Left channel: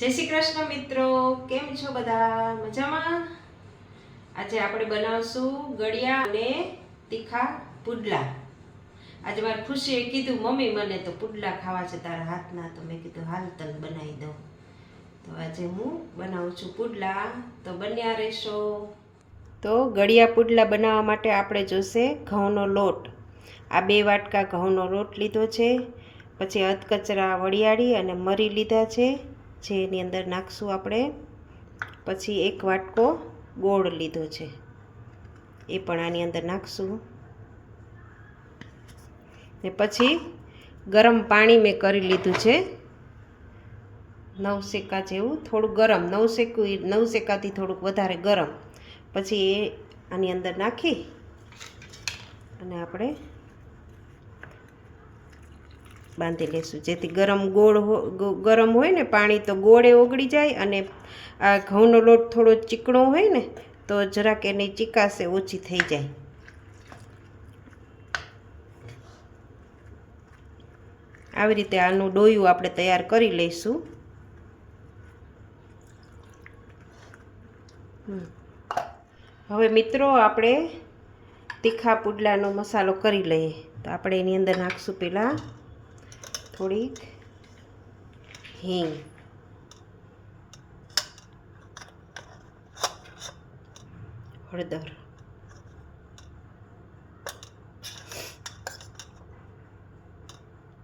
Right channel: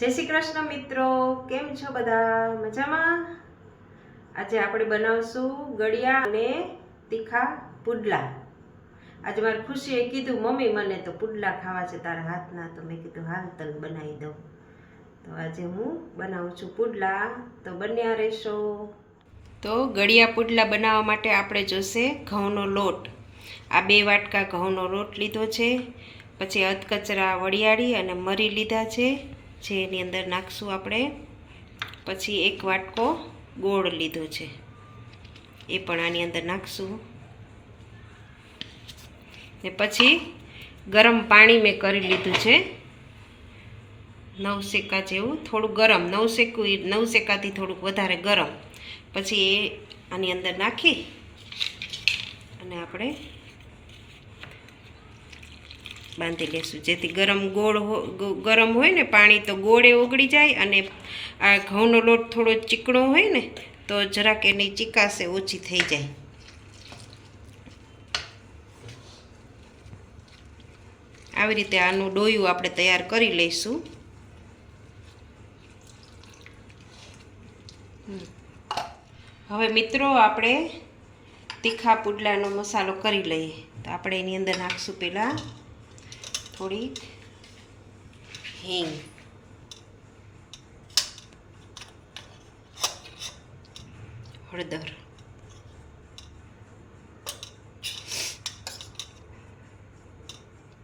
જય શ્રી કૃષ્ણ મિત્રો, કેમ છો બધા? મજામાં? આજે આપણે બનાવશું ગળિયા અને તીખા પુડલા. આજે મારી ખુશીએ કીધું, મમ્મી મને તો પુડલા ખાવા છે તારા હાથના. તો મેં કીધું હાલ તને બનાવી દઉં. તો આજે હું બનાવું છું પુડલા, તો બન્યા રહેશો. તો ગળિયા પુડલા બનાવવા માટે આપણે જોશે ઘઉંનો લોટ. આ 2 વાટકા ઘઉંનો લોટ લીધો છે. પછી અધકચરા વરિયાળી અને મરી લીધા છે, જે એની અંદર નાખશું આપણે. પછી 1 વાટકો ગોળ લીધો છે, એ પણ આની અંદર નાખશું. ને પછી ગરમ પાણી મેં કરી લીધું છે, 9 સેકા જેવું, થોડું ગરમ, 9 સેકાથી થોડુંક વધારે ગરમ. પછી એ આની અંદર નાખી અને આપણે બાંધી લેશું, જેથી ગરમ હોય ને પાણી, તો ગોળે ઓગળી જાય. અને આ ઘઉંનો લોટ થોડો ચીકણો હોય ને, તો જરાક એની ચીકાશે ઓછી થઈ જાય. આવી રીતે આનું ડોયું આપણે તૈયાર કરી લઈશું. હવે મિત્રો, આપણે તીખા પુડલાનો મસાલો કરી લઈએ. તો આપણે એની અંદર નાખશું પહેલાં થોડીક હિંગ, હળદર,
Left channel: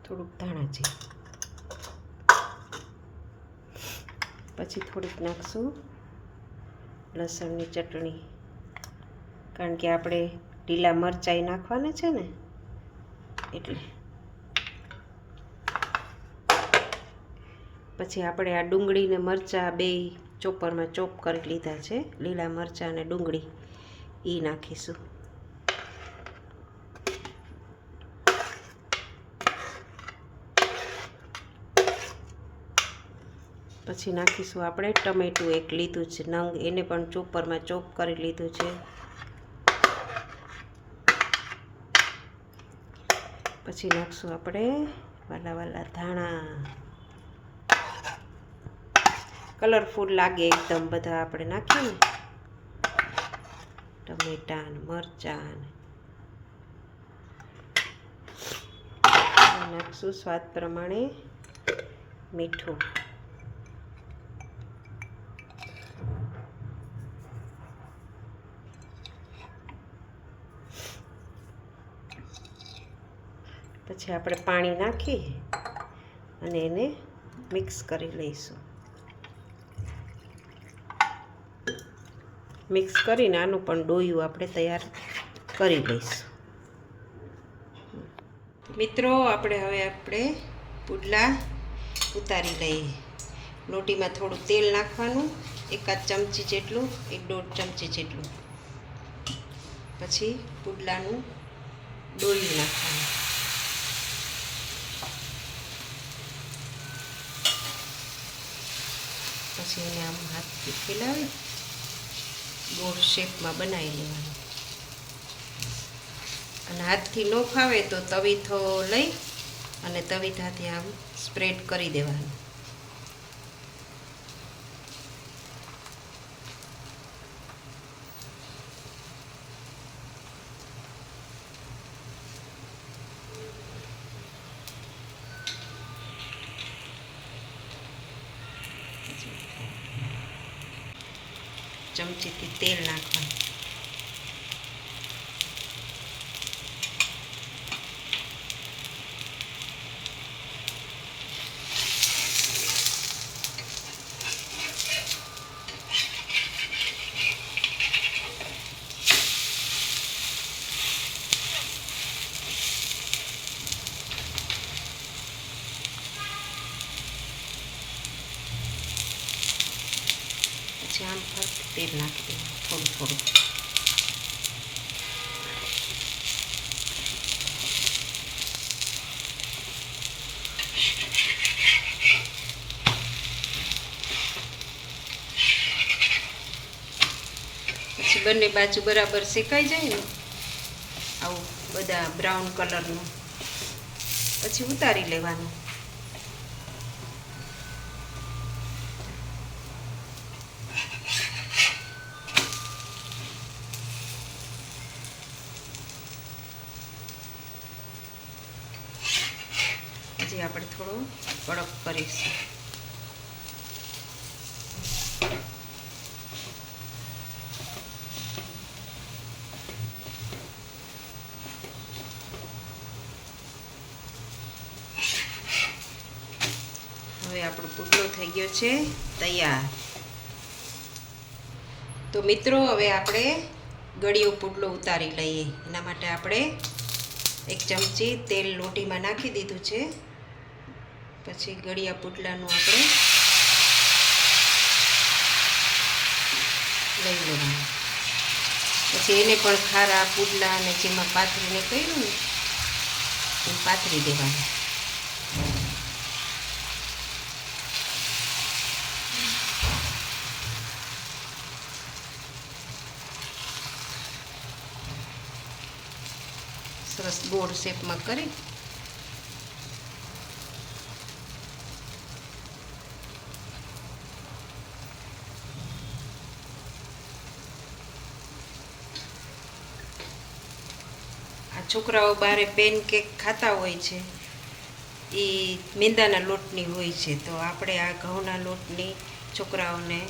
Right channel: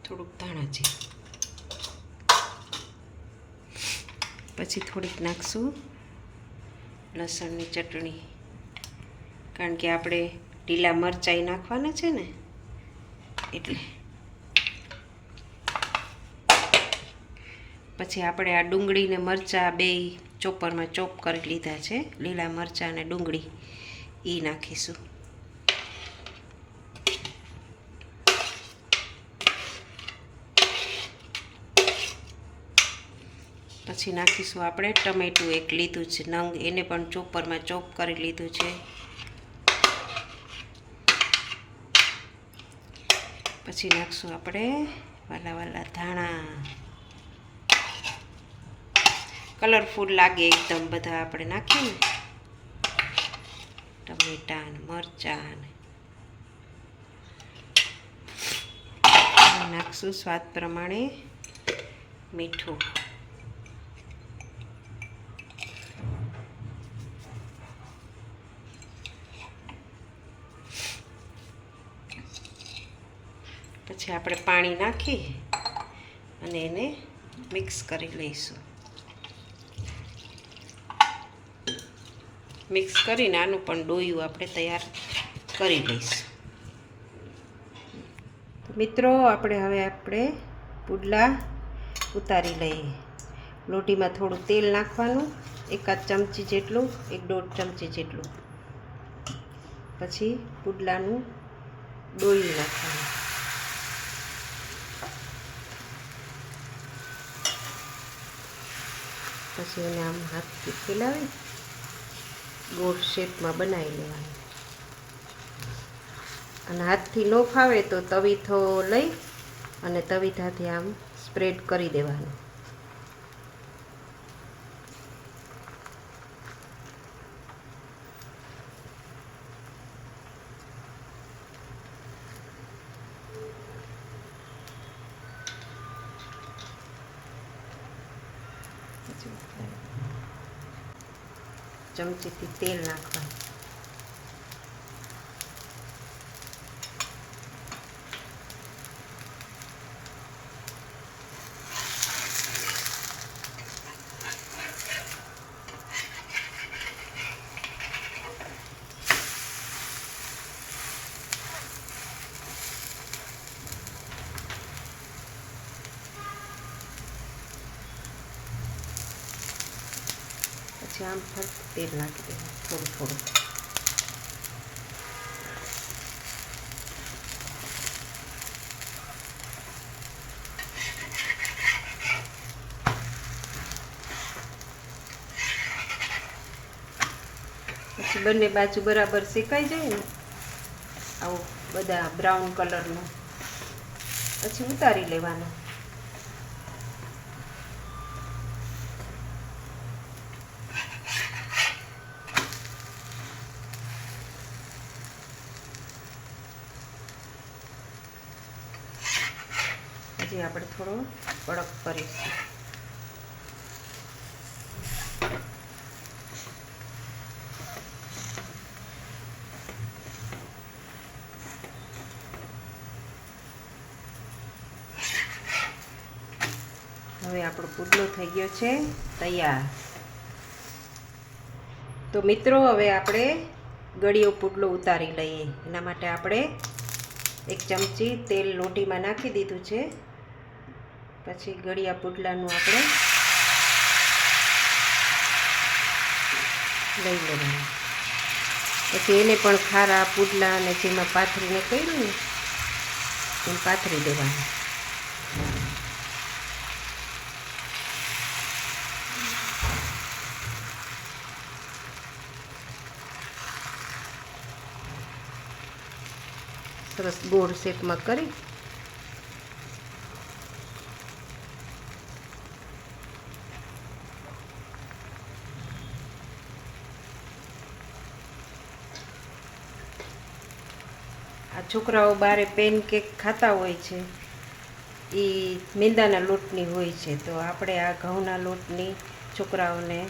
થોડુંક ધાણા જીરું, પછી થોડીક નાખશું લસણની ચટણી, કારણ કે આપણે લીલા મરચાઈ નાખવાના છે ને, એટલે. પછી આપણે આ ડુંગળી ને મરચાં 2 ચોપરમાં ચોપ કરી લીધા છે, લીલા મરચાં અને ડુંગળી, એ નાખીશું. પછી નાખીશું આપણે ટમેટું 1 લીધું છે નંગ, એને પણ ચોપરમાં ચોપ કરી લીધું છે. પછી નાખશું આપણે વાલા ધાણા, કલરફુલ લાગે એકદમ બધા આપણે નાખીએ ને, ટમેટા ને મરચાં. નાખશું સ્વાદ પ્રમાણે મીઠું. પછી આપણે પાણી નાખી અને એને મિક્સ કરી લઈશું. મિક્સ કરીને આનું પણ ડોયું આપણે તૈયાર કરી લઈશું. મિત્રો, આપણે પુડલા ઉતારી લઈએ. લોટીમાં થોડું તેલ નાખવાનું, 1 ચમચી જેટલું, 1-1.5 ચમચી જેટલું. પછી પુડલાનું ડોયું નાખવાનું. પછી એને આમ હાથથી ફેલાવી ગોળ શેપમાં બનાવી લેવાનું. અને હાથથી ન ફાવે તો તવીથો લઈ અને તવીથાથી આમ સ્પ્રેડ કરી દેવાનું. ચમચીથી તેલ નાખવાનું. પછી આમ તેલ નાખી દેવાનું થોડું. પછી બંને બાજુ બરાબર શેકાઈ જાય ને, આવું બધા બ્રાઉન કલરનું, પછી ઉતારી લેવાનું. આપણે થોડો કડક કરીશું. હવે આપણો પુડલો થઈ ગયો છે તૈયાર. તો મિત્રો હવે આપણે ગળ્યો પુડલો ઉતારી લઈએ. એના માટે આપણે 1 ચમચી તેલ લોટીમાં નાખી દીધું છે. પછી ગળ્યા પુડલાનું આપણે લઈ લેવાનું. પછી એને પણ ખારા પુડલા અને જેમાં પાથરીને કર્યું ને એમ પાથરી દેવાનું. સરસ ગોળ શેપમાં કરી આ છોકરાઓ બારે પેનકેક ખાતા હોય છે એ મેંદાના લોટની હોય છે, તો આપણે આ ઘઉંના લોટની છોકરાઓને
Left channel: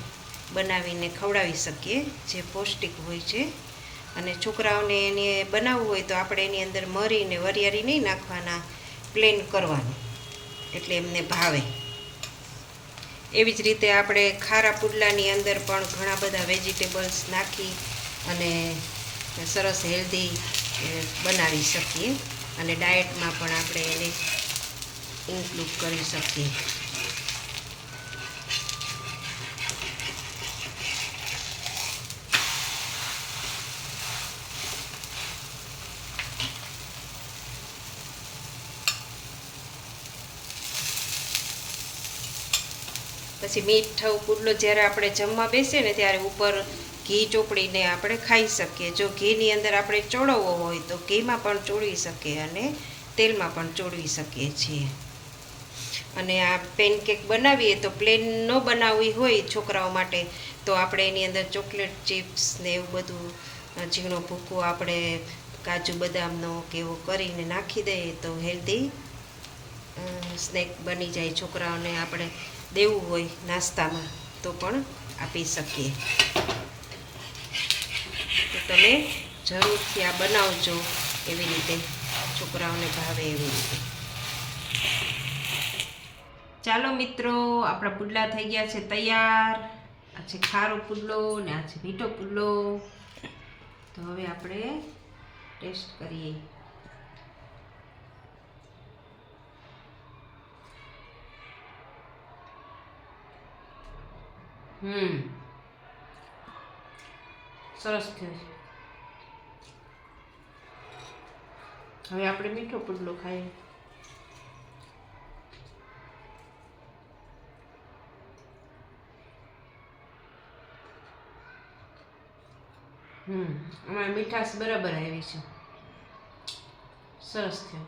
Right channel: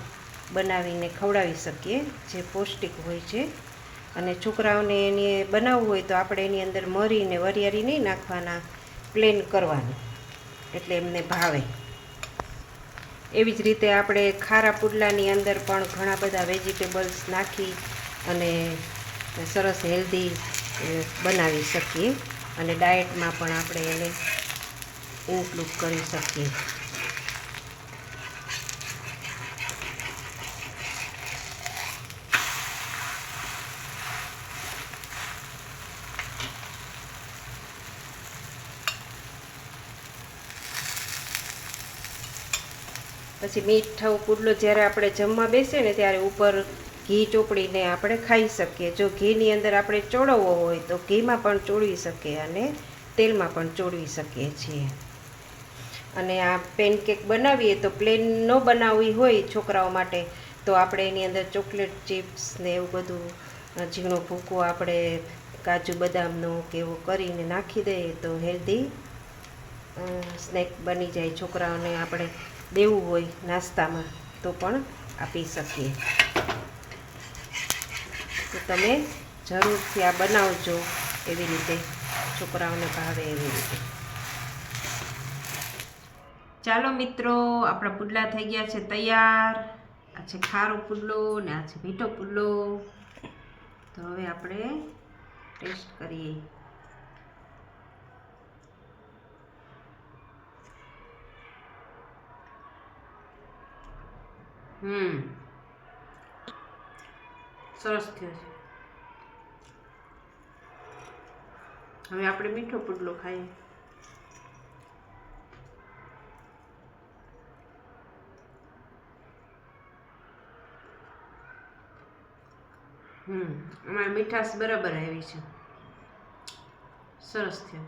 બનાવીને ખવડાવી શકીએ, જે પૌષ્ટિક હોય છે. અને છોકરાઓને એની બનાવવું હોય તો આપણે એની અંદર મરીને વરિયાળી નહીં નાખવાના, પ્લેન કરવાનું, એટલે એમને ભાવે. એવી જ રીતે આપણે ખારા પુડલાની અંદર પણ ઘણા બધા વેજીટેબલ્સ નાખી અને સરસ હેલ્ધી બનાવી શકીએ અને ડાયટમાં પણ આપણે એને ઇન્ક્લુડ કરી શકીએ. પછી મીઠો પુડલો જ્યારે આપણે જમવા બેસીએ ને ત્યારે ઉપર ઘી ચોપડીને આપણે ખાઈ શકીએ. જો ઘીની અંદર આપણે ચોળવવો હોય તો ઘીમાં પણ ચોળવી શકીએ અને તેલમાં પણ ચોળવી શકીએ છીએ. અને આ પેનકેક બનાવીએ તો પ્લેન ન બનાવવી હોય છોકરાઓ માટે તો આપણે એની અંદર ચોકલેટ ચિપ્સ ને એવું બધું ઝીણો ભૂકો આપણે કાજુ બદામનો કે એવું કરીને નાખી દઈએ તો હેલ્ધી સ્નેક બની જાય. છોકરાઓને આપણે દેવું હોય નાસ્તામાં તો પણ આપી શકીએ. તો તમે જરૂરથી આ બનાવજો એવી રીતે, છોકરાઓને ભાવે એવી રીતે. ચાલો મિત્રો, આપણા પુડલા થઈ ગયા છે તૈયાર. આ છે ખારો પુડલો ને આ છે મીઠો પુડલો. તો હવે આપણે ટેસ્ટ કરીએ. સરસ થયો છે. હવે આપણે મીઠો પુડલો ખાઈએ. અમારે મીઠાશ બરાબર આવી છે. સરસ થયો.